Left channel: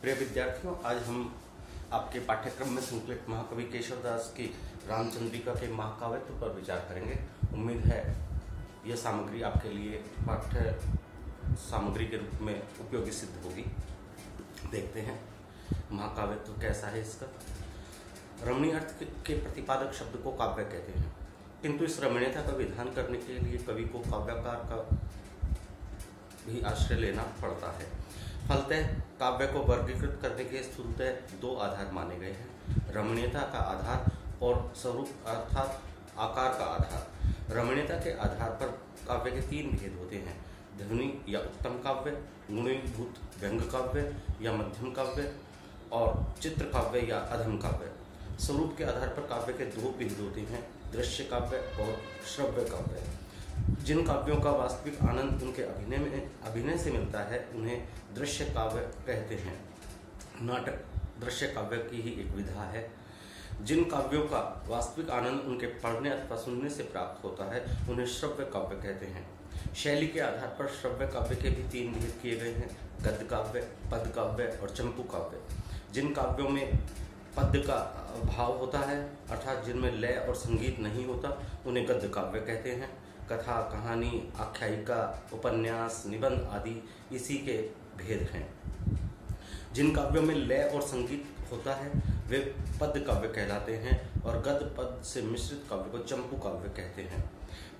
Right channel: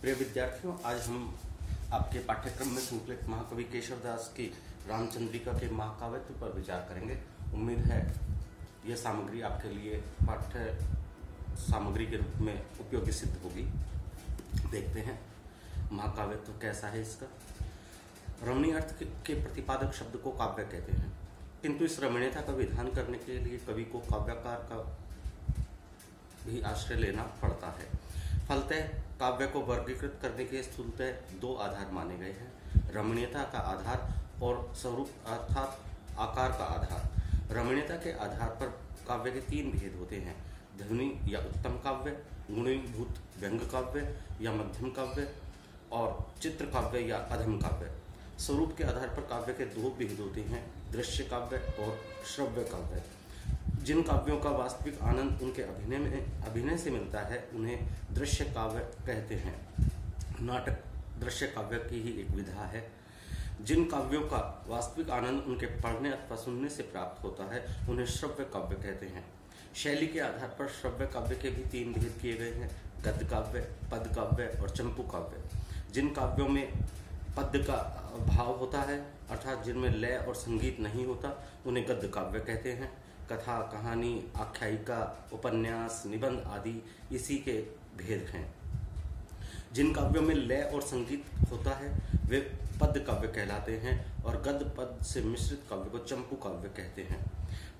प्रिय विद्यार्थियों, आज हम आपके पाठ्यक्रम में संकलित महाकवि केशवदास की रामचंद्रिका के महाकाव्यत्व पर विचार करेंगे। उम्मीद है यह सामग्री आपके लिए पाठ्य सामग्री के रूप में उपयोगी सिद्ध होगी। देखते हैं महाकाव्यत्व कैसा है इसका। रमणीय अर्थ के प्रतिपादक शब्द को काव्य कहते हैं, किंतु इस रमणीयता का विधान करने के लिए कवि को काव्यकार का भी आश्रय लेना पड़ता है। फलतः काव्य को वर्गीकृत करने के स्थूलतः दो आधार माने गए हैं, रमणीयता का आधार और स्वरूप अर्थात आकार का आधार। रमणीयता के आधार पर काव्य के तीन भेद होते हैं, ध्वनि या उत्तम काव्य, गुणीभूत व्यंग काव्य या मध्यम काव्य, और चित्र काव्य या अधम काव्य। स्वरूप के आधार पर काव्य के दो भेद होते हैं, दृश्य काव्य और श्रव्य काव्य। जिन काव्यों का वास्तविक आनंद उनके अभिनय से मिलता है उन्हें दृश्य काव्य कहते हैं। नाटक दृश्य काव्य की ही एक विधा है। जिन काव्यों का वास्तविक आनंद उनके पढ़ने अथवा सुनने से प्राप्त होता है उन्हें श्रव्य काव्य कहते हैं। शैली के आधार पर श्रव्य काव्य के भी तीन भेद किए गए हैं, गद्य काव्य, पद काव्य और चंपू काव्य। जिन काव्यों में पद्य का भाव होता है अर्थात जिनमें लय और संगीत नहीं होता उन्हें गद्य काव्य कहते हैं। कथा, कहानी, आख्यायिका, उपन्यास, निबंध आदि इसी के भेद हैं। जिन काव्यों में लय और संगीत होता है वे पद्य काव्य कहलाते हैं और गद्य पद से मिश्रित काव्य को चंपू काव्य कहते हैं।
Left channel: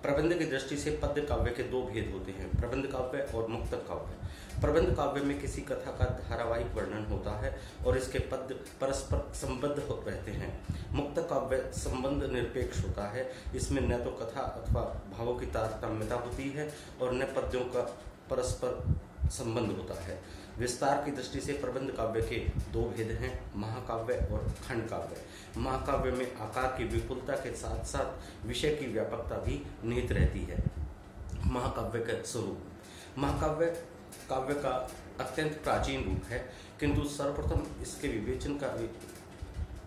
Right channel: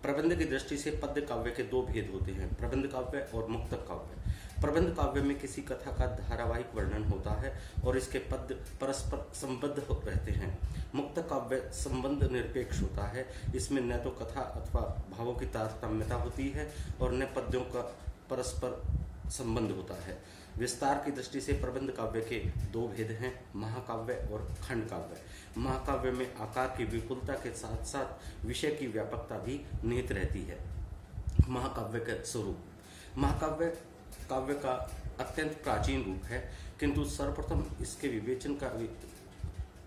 प्रबंध की दृष्टि से पद्य काव्य के दो भेद होते हैं, प्रबंध काव्य और मुक्तक काव्य। प्रबंध काव्य में किसी कथा का धारावाहिक वर्णन होता है और इसके पद्य परस्पर संबद्ध रहते हैं। मुक्त काव्य संबंध निरपेक्ष होता है, इसमें न तो कथा अथवा भावों की तारतम्यता होती है और न पद्यों का परस्पर संबंध होता है। विस्तार की दृष्टि से प्रबंध काव्य के दो भेद हैं, महाकाव्य और खंड काव्य। महाकाव्य में आकार की विपुलता के साथ साथ विषय की व्यापकता भी निहित रहती है। महाकाव्य के स्वरूप। महाकाव्य काव्य का अत्यंत प्राचीन रूप है, किंतु सर्वप्रथम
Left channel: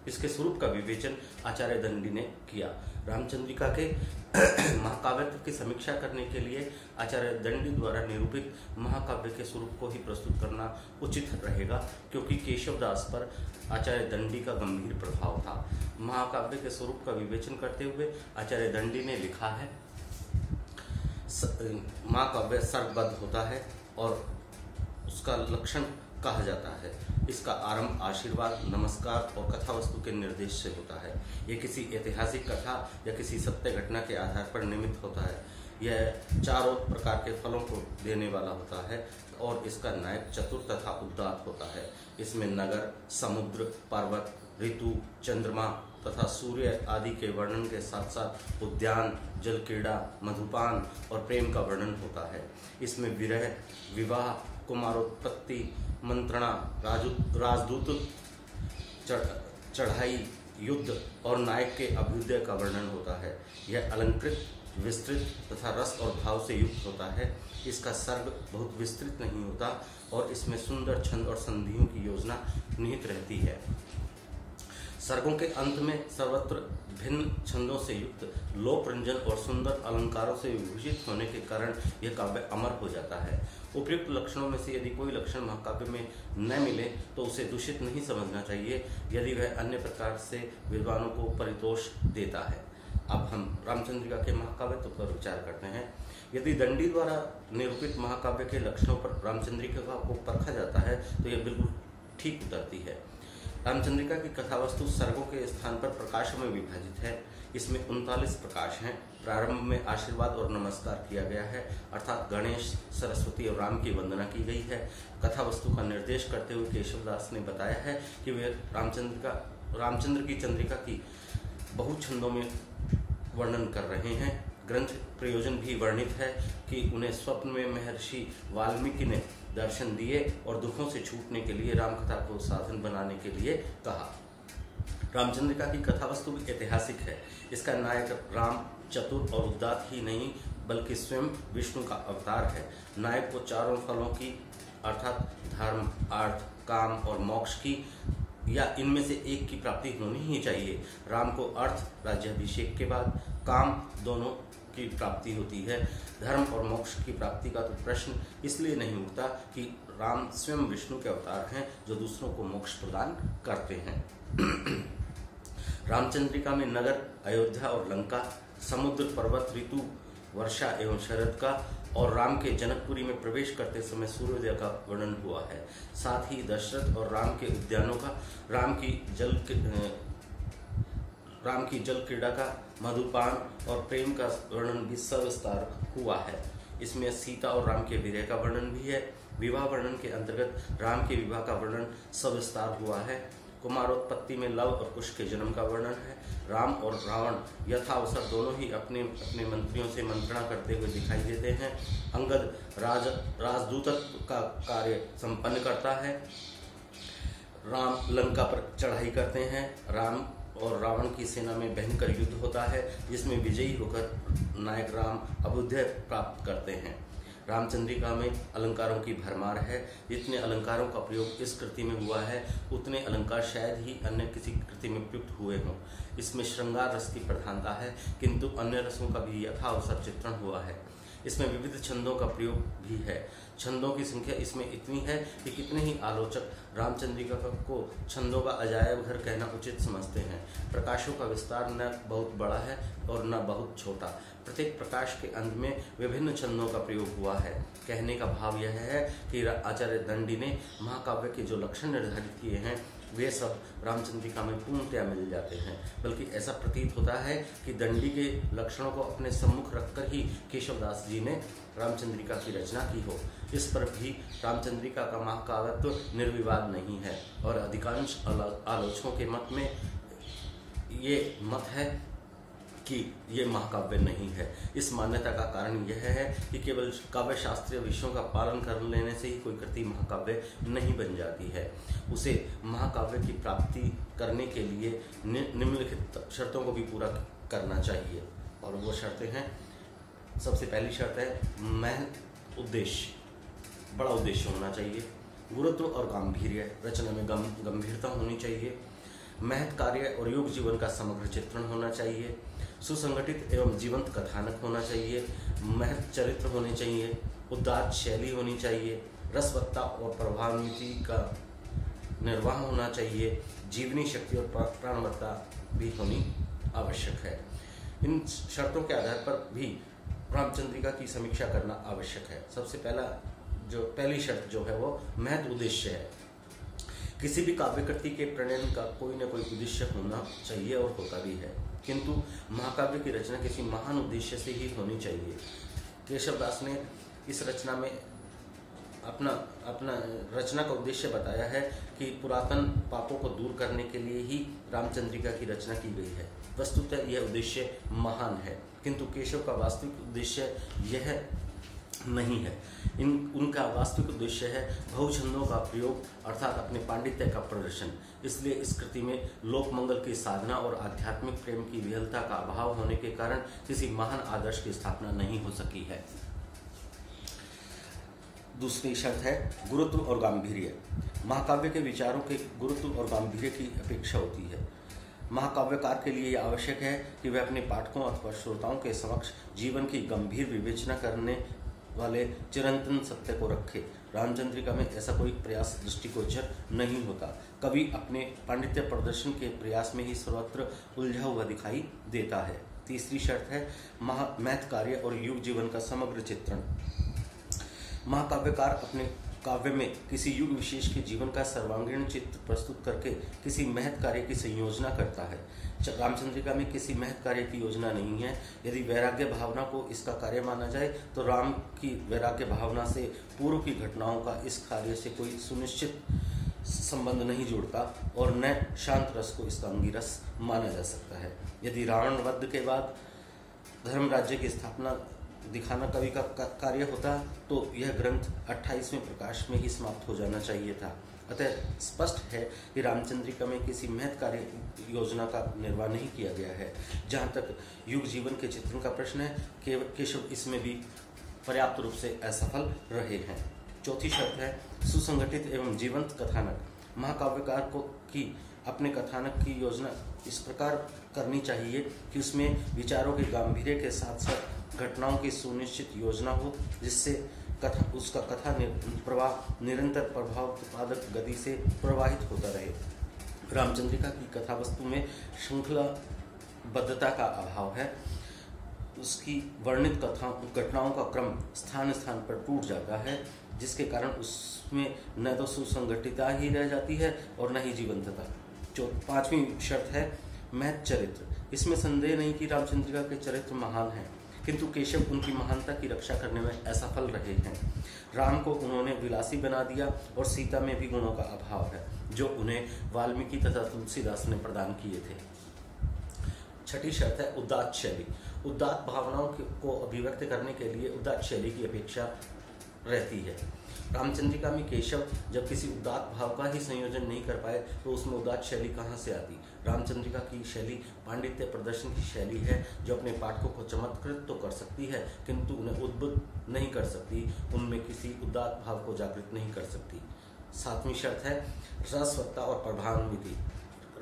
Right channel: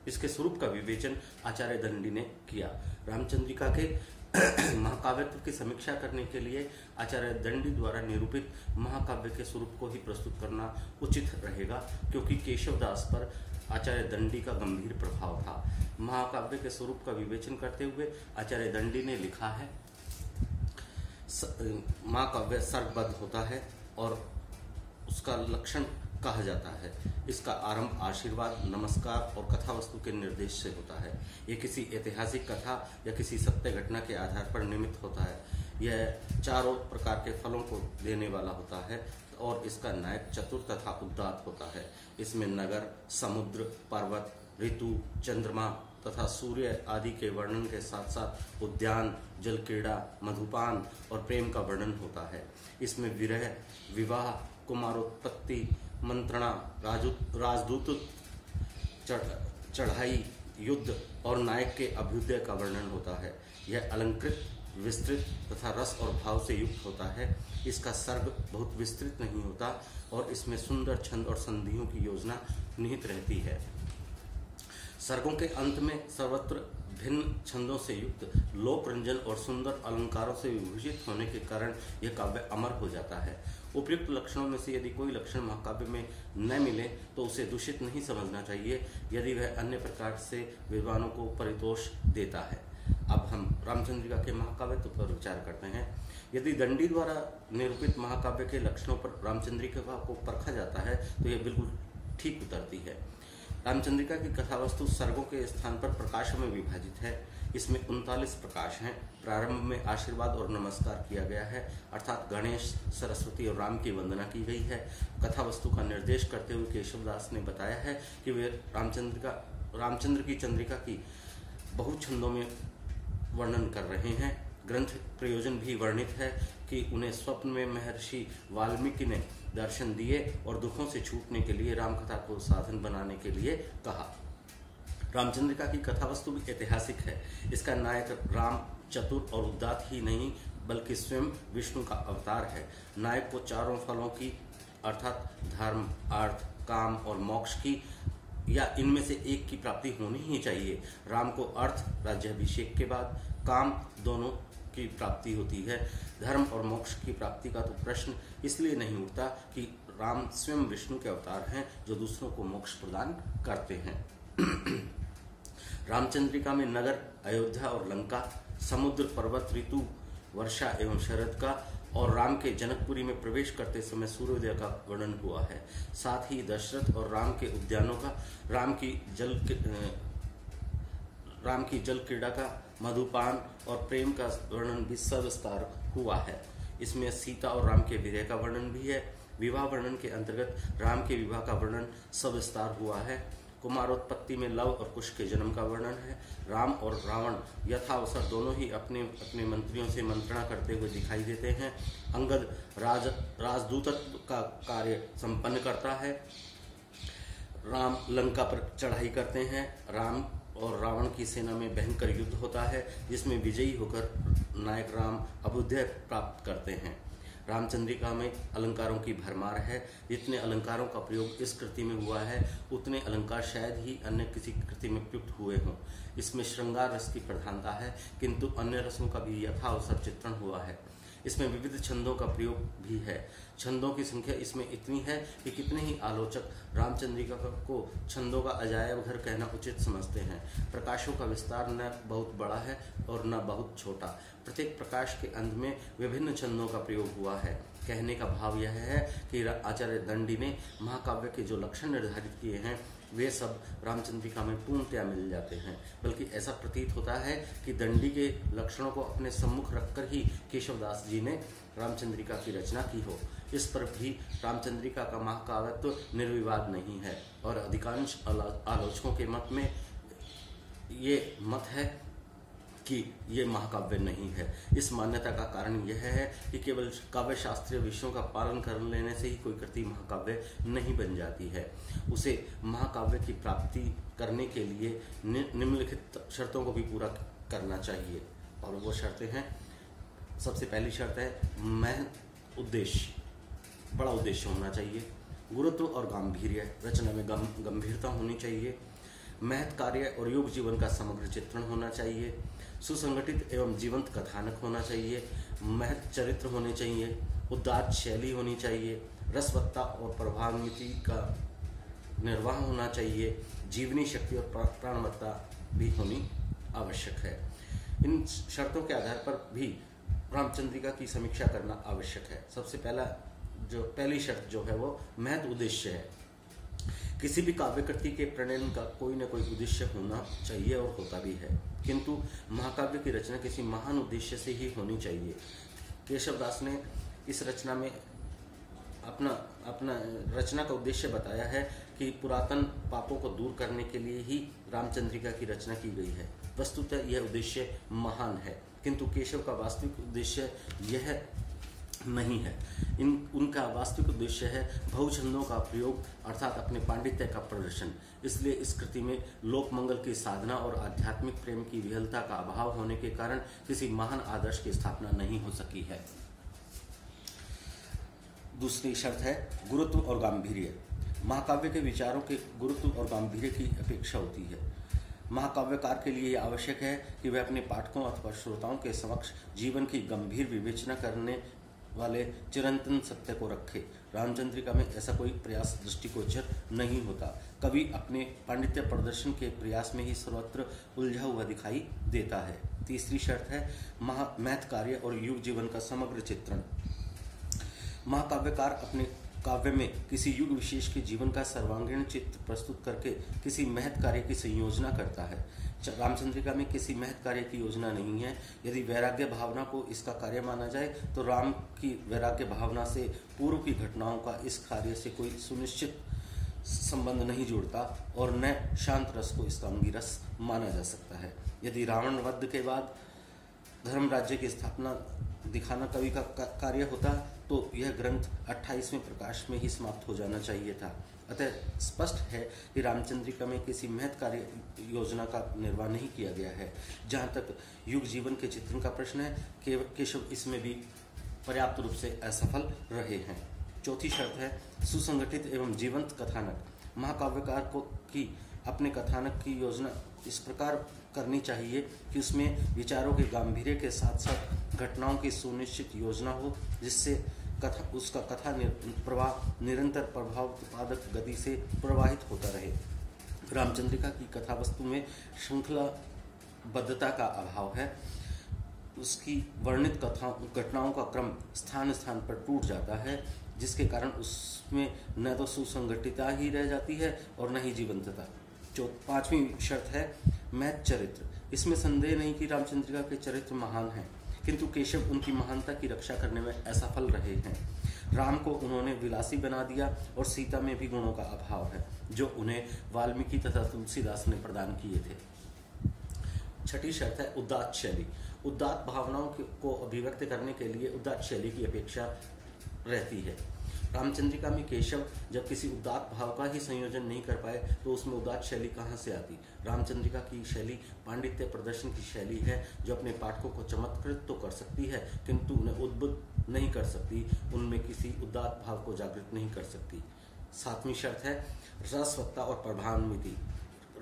इसके स्वरूप का विवेचन आचार्य दंडी ने किया। रामचंद्रिका के महाकाव्यत्व की समीक्षा करने के लिए आचार्य दंडी द्वारा निरूपित महाकाव्य के स्वरूप को ही प्रस्तुत करना उचित रहेगा, क्योंकि केशवदास पर आचार्य दंडी का गंभीर प्रभाव था। महाकाव्य के स्वरूप का विवेचन करते हुए आचार्य दंडी ने लिखा है, महाकाव्य सर्गबद्ध होता है और उसका लक्षण कहा जाता है। इसका आरंभ आशीर्वाद, नमस्कार और कथा वस्तु के निर्देश से होता है। यह किसी ऐतिहासिक कथा या किसी सत्य घटना के आधार पर निर्मित होता है। यह चारों प्रकार के फलों को देने वाला होता है और इसका नायक चतुर तथा उदात्त होता है। इसमें नगर, समुद्र, पर्वत, ऋतु, चंद्रमा तथा सूर्य आदि के वर्णन के साथ साथ उद्यान, जल क्रीड़ा, मधुपान और प्रेम का वर्णन होता है। इसमें विरह, विवाह, कुमारोत्पत्ति, मंत्रणा, राजदूत, चढ़ाई, युद्ध और नायक के अभ्युदय का वर्णन होता है। यह अलंकृत, विस्तृत तथा रस और भाव से युक्त होता है। इसका सर्ग बहुत विस्तृत नहीं होता और इसमें सुंदर छंद और संधियों की योजना निहित रहती है। सर्गों के अंत में सर्वत्र भिन्न छंदों से युक्त लोक रंजन और सुंदर अलंकारों से विभूषित होने के कारण यह काव्य अमर हो जाता है। उपयुक्त लक्षणों में से यदि कोई लक्षण महाकाव्य में न मिले तो उसे दूषित नहीं समझना चाहिए, यदि वह अन्य प्रकार से विद्वानों को परितोष देता है। अब हम रामचंद्रिका के महाकाव्यत्व पर विचार करते हैं। यदि दंडी द्वारा निरूपित महाकाव्य के लक्षणों पर रामचंद्रिका को परखा जाता है तो यह बिल्कुल ठीक उतरती है। रामचंद्रिका की कथावस्तु सर्गों के स्थान पर प्रकाशों में विभाजित है। इसमें 39 प्रकाश हैं। प्रारंभ में आशीर्वाद और नमस्कार किया गया है, अर्थात गणेश, सरस्वती और राम की वंदना की गई है। कथावस्तु का निर्देश करते हुए केशवदास ने बताया है कि वे रामचंद्र की चंद्रिका की बहुत छंदों में वर्णन कर रहे हैं। ग्रंथ प्रयोजन भी वर्णित है कि उन्हें स्वप्न में महर्षि वाल्मीकि ने दर्शन दिए और दुखों से छूटने के लिए रामकथा को साधन बनाने के लिए कहा। रामचंद्रिका की कथावस्तु भी ऐतिहासिक है। इसका नायक राम चतुर और उदात्त ही नहीं बल्कि स्वयं विष्णु का अवतार है। नायक को चारों फलों की अर्थात धर्म, अर्थ, काम और मोक्ष की या इनमें से एक की प्राप्ति होनी ही चाहिए। राम को अर्थ राज्याभिषेक के बाद, काम दोनों की प्राप्ति होती है। धर्म और मोक्ष की प्राप्ति का तो प्रश्न इसलिए नहीं उठता कि राम स्वयं विष्णु के अवतार हैं जो दूसरों को मोक्ष प्रदान करते हैं। रामचंद्रिका में नगर, अयोध्या और लंका, समुद्र, पर्वत, ऋतु, वर्षा एवं शरद का और राम के जनकपुरी में प्रवेश करते समय सूर्योदय का वर्णन हुआ है। साथ ही दशरथ और राम के उद्यानों का, राम की जल क्रीड़ा का, मधुपान और प्रेम का वर्णन भी सविस्तार हुआ है। इसमें सीता और राम के विरह का वर्णन भी है। विवाह वर्णन के अंतर्गत राम के विवाह का वर्णन सविस्तार हुआ है। कुमारोत्पत्ति में लव और कुश के जन्म का वर्णन है। राम और रावण यथावसर दोनों ही अपने अपने मंत्रियों से मंत्रणा करते हुए दिखाई देते हैं। अंगद राजदूतत्व का कार्य संपन्न करता है। राम लंका पर चढ़ाई करते हैं। राम और रावण की सेना में भयंकर युद्ध होता है, जिसमें विजयी होकर नायक राम अभ्युदय प्राप्त करते हैं। रामचंद्रिका में अलंकारों की भरमार है। जितने अलंकारों का प्रयोग इस कृति में हुआ है, उतने अलंकार शायद ही अन्य किसी कृति में प्रयुक्त हुए हों। इसमें श्रृंगार रस की प्रधानता है, किंतु अन्य रसों का भी यथावसर चित्रण हुआ है। इसमें विविध छंदों का प्रयोग भी है। छंदों की संख्या इसमें इतनी है कि कितने ही आलोचक रामचंद्रिका को छंदों का अजायब घर कहना उचित समझते हैं। प्रकाशों का विस्तार न बहुत बड़ा है और न बहुत छोटा। प्रत्येक प्रकाश के अंत में विभिन्न छंदों का प्रयोग हुआ है। कहने का भाव यह है कि आचार्य दंडी ने महाकाव्य के जो लक्षण निर्धारित किए हैं, वे सब रामचंद्रिका में पूर्णतया मिल जाते हैं। बल्कि ऐसा प्रतीत होता है कि दंडी के लक्षणों को अपने सम्मुख रखकर ही केशवदास जी ने रामचंद्रिका की रचना की हो। इस पर भी रामचंद्रिका का महाकाव्यत्व निर्विवाद नहीं है और अधिकांश आलोचकों के मत में ये मत है कि ये महाकाव्य नहीं है। इस मान्यता का कारण यह है कि केवल काव्य शास्त्रीय विषयों का पालन कर लेने से ही कोई कृति महाकाव्य नहीं बन जाती है। उसे महाकाव्य की प्राप्ति करने के लिए निम्नलिखित शर्तों को भी पूरा करना चाहिए, और वो शर्तें हैं। सबसे पहली शर्त है महन उद्देश्य, बड़ा उद्देश्य होना चाहिए। गुरुत्व और गांभीर्य, रचना में गंभीरता होनी चाहिए। महत् कार्य और युग जीवन का समग्र चित्रण होना चाहिए। सुसंगठित एवं जीवंत कथानक होना चाहिए। महत् चरित्र होने चाहिए। उदात्त शैली होनी चाहिए। रसवत्ता और प्रभावनीति का निर्वाह होना चाहिए। जीवनी शक्ति और प्राणवत्ता भी होनी आवश्यक है। इन शर्तों के आधार पर भी रामचंद्रिका की समीक्षा करना आवश्यक है। सबसे पहली शर्त जो है वो महत् उद्देश्य है। किसी भी काव्य कृति के प्रणयन का कोई न कोई उद्देश्य होना चाहिए और होता भी है, किंतु महाकाव्य की रचना किसी महान उद्देश्य से ही होनी चाहिए। केशवदास ने इस रचना में अपना रचना का उद्देश्य बताया है कि पुरातन पापों को दूर करने के लिए ही रामचंद्रिका की रचना की गई है। वस्तुतः यह उद्देश्य महान है, किंतु केशव का वास्तविक उद्देश्य यह नहीं है। उनका वास्तविक उद्देश्य है बहुछंदों का प्रयोग, अर्थात अपने पांडित्य का प्रदर्शन। इसलिए इस कृति में लोक मंगल की साधना और आध्यात्मिक प्रेम की विहलता का अभाव होने के कारण किसी महान आदर्श की स्थापना नहीं हो सकी है। दूसरी शर्त है गुरुत्व और गांभीर्य। महाकाव्य के विचारों के गुरुत्व और गांभीर्य की अपेक्षा होती है। महाकाव्यकार के लिए यह आवश्यक है कि वह अपने पाठकों अथवा श्रोताओं के समक्ष जीवन की गंभीर विवेचना करने वाले चिरंतन सत्य को रखे। रामचंद्रिका में ऐसा कोई प्रयास दृष्टिगोचर नहीं होता। कवि अपने पांडित्य प्रदर्शन के प्रयास में ही सर्वत्र उलझा हुआ दिखाई देता है। तीसरी शर्त है महत् कार्य और युग जीवन का समग्र चित्रण। महाकाव्यकार अपने काव्य में किसी युग विशेष के जीवन का सर्वांगीण चित्र प्रस्तुत करके किसी महत् कार्य की संयोजना करता है। रामचंद्रिका में किसी महत् कार्य की योजना नहीं है। यदि वैराग्य भावना को इसका कार्य माना जाए तो राम की वैराग्य भावना से पूर्व की घटनाओं का इस कार्य से कोई सुनिश्चित संबंध नहीं जुड़ता और न शांत रस को इसका अंगिरस माना जा सकता है। यदि रावण वध के बाद धर्म राज्य की स्थापना दिखाना कवि का कार्य होता तो यह ग्रंथ 28वें प्रकाश में ही समाप्त हो जाना चाहिए था। अतः स्पष्ट है कि रामचंद्रिका में किसी महत् कार्य योजना का निर्वाह नहीं किया गया है। जहाँ तक युग जीवन के चित्रण का प्रश्न है, केशव इसमें भी पर्याप्त रूप से असफल रहे हैं। चौथी शर्त है सुसंगठित एवं जीवंत कथानक। महाकाव्यकार को की अपने कथानक की योजना इस प्रकार करनी चाहिए कि उसमें विचारों के गांभीर्य के साथ साथ घटनाओं की सुनिश्चित योजना हो, जिससे उसका कथा प्रवाह निरंतर प्रभाव उत्पादक गति से प्रवाहित होता रहे। रामचंद्रिका की कथा वस्तु में श्रृंखलाबद्धता का अभाव है। उसकी वर्णित घटनाओं का क्रम स्थान स्थान पर टूट जाता है, जिसके कारण उसमें न तो सुसंगठितता ही रह जाती है और न ही जीवंतता। पांचवी शर्त है महत् चरित्र। इसमें संदेह नहीं कि रामचंद्रिका के चरित्र महान हैं, किंतु केशव उनकी महानता की रक्षा करने में असफल रहे हैं। राम को उन्होंने विलासी बना दिया और सीता में भी गुणों का अभाव है, जो उन्हें वाल्मीकि तथा तुलसीदास ने प्रदान किए थे। छठी शर्त है उदात्त शैली। उदात्त भावनाओं को अभिव्यक्त करने के लिए उदात्त शैली की अपेक्षा रहती है। रामचंद्रिका में केशव जब किसी उदात्त भाव का ही संयोजन नहीं कर पाए तो उसमें उदात्त शैली कहाँ से आती। रामचंद्रिका की शैली पांडित्य प्रदर्शन की शैली है, जो अपने पाठकों को चमत्कृत तो कर सकती है, किंतु उन्हें उद्बुद्ध नहीं कर सकती, उनमें किसी उदात्त भाव को जागृत नहीं कर सकती। सातवीं शर्त है रसवत्ता और प्रभावान्विति।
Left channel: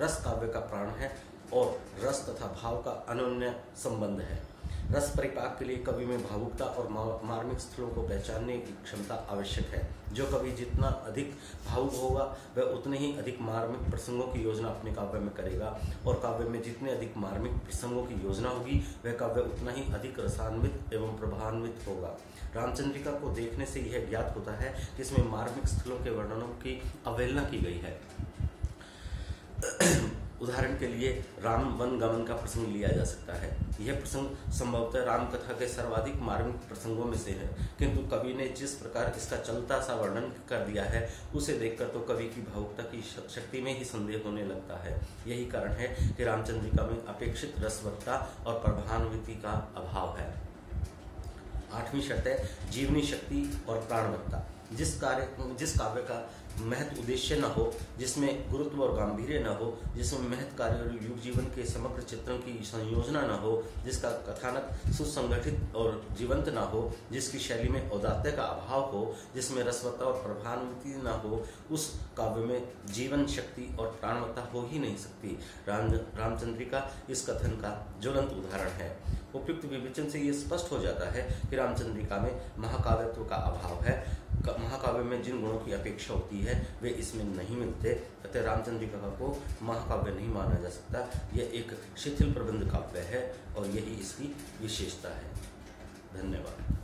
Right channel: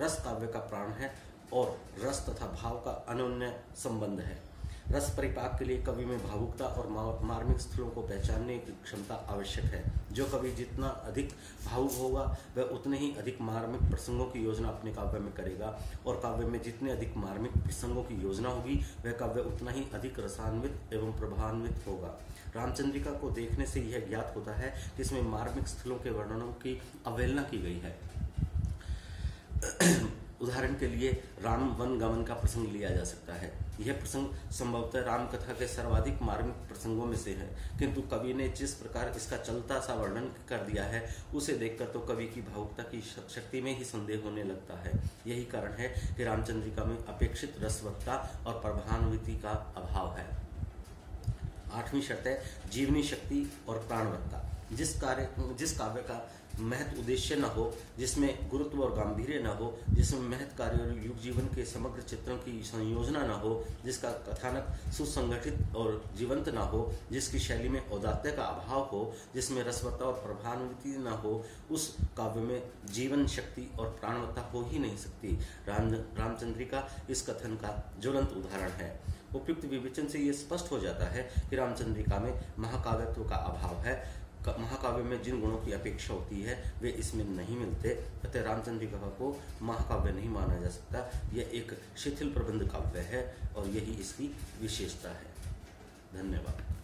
रस काव्य का प्राण है और रस तथा भाव का अनन्य संबंध है। रस परिपाक के लिए कवि में भावुकता और मार्मिक स्थलों को पहचानने की क्षमता आवश्यक है। जो कवि जितना अधिक भावुक होगा वह उतने ही अधिक मार्मिक प्रसंगों की योजना अपने काव्य में करेगा, और काव्य में जितने अधिक मार्मिक प्रसंगों की योजना होगी वह काव्य उतना ही अधिक रसान्वित एवं प्रभावान्वित होगा। रामचंद्रिका को देखने से यह ज्ञात होता है कि इसमें मार्मिक स्थलों के वर्णनों की अवहेलना की गई है। उदाहरण के लिए राम वन गमन का प्रसंग लिया जा सकता है। यह प्रसंग संभवतः राम कथा के सर्वाधिक मार्मिक प्रसंगों में से है, किंतु कवि ने जिस प्रकार इसका चलता सा वर्णन कर दिया है उसे देखकर तो कवि की भावुकता की शक्ति में ही संदेह होने लगता है। यही कारण है कि रामचंद्रिका में अपेक्षित रसवत्ता और प्रभावान्विति का अभाव है। आठवीं शर्त है जीवनी शक्ति और प्राणवत्ता। जिस काव्य का महत् उद्देश्य न हो, जिसमें गुरुत्व और गांधीर्य न हो, जिसमें महत् कार्य और युग जीवन के समग्र चित्रण की संयोजना न हो, जिसका कथानक सुसंगठित और जीवंत न हो, जिसकी शैली में औदात्य का अभाव हो, जिसमें रसवत्ता और प्रभावान्विति न हो, उस काव्य में जीवन शक्ति और प्राणवत्ता हो ही नहीं सकती। रामचंद्रिका इस कथन का ज्वलंत उदाहरण है। उपयुक्त विवेचन से ये स्पष्ट हो जाता है कि रामचंद्रिका में महाकाव्यत्व का अभाव है। महाकाव्य में जिन गुणों की अपेक्षा होती है वे इसमें नहीं मिलते, अतः रामचंद्रिका को महाकाव्य नहीं माना जा सकता। यह एक शिथिल प्रबंध काव्य है और यही इसकी विशेषता है। धन्यवाद।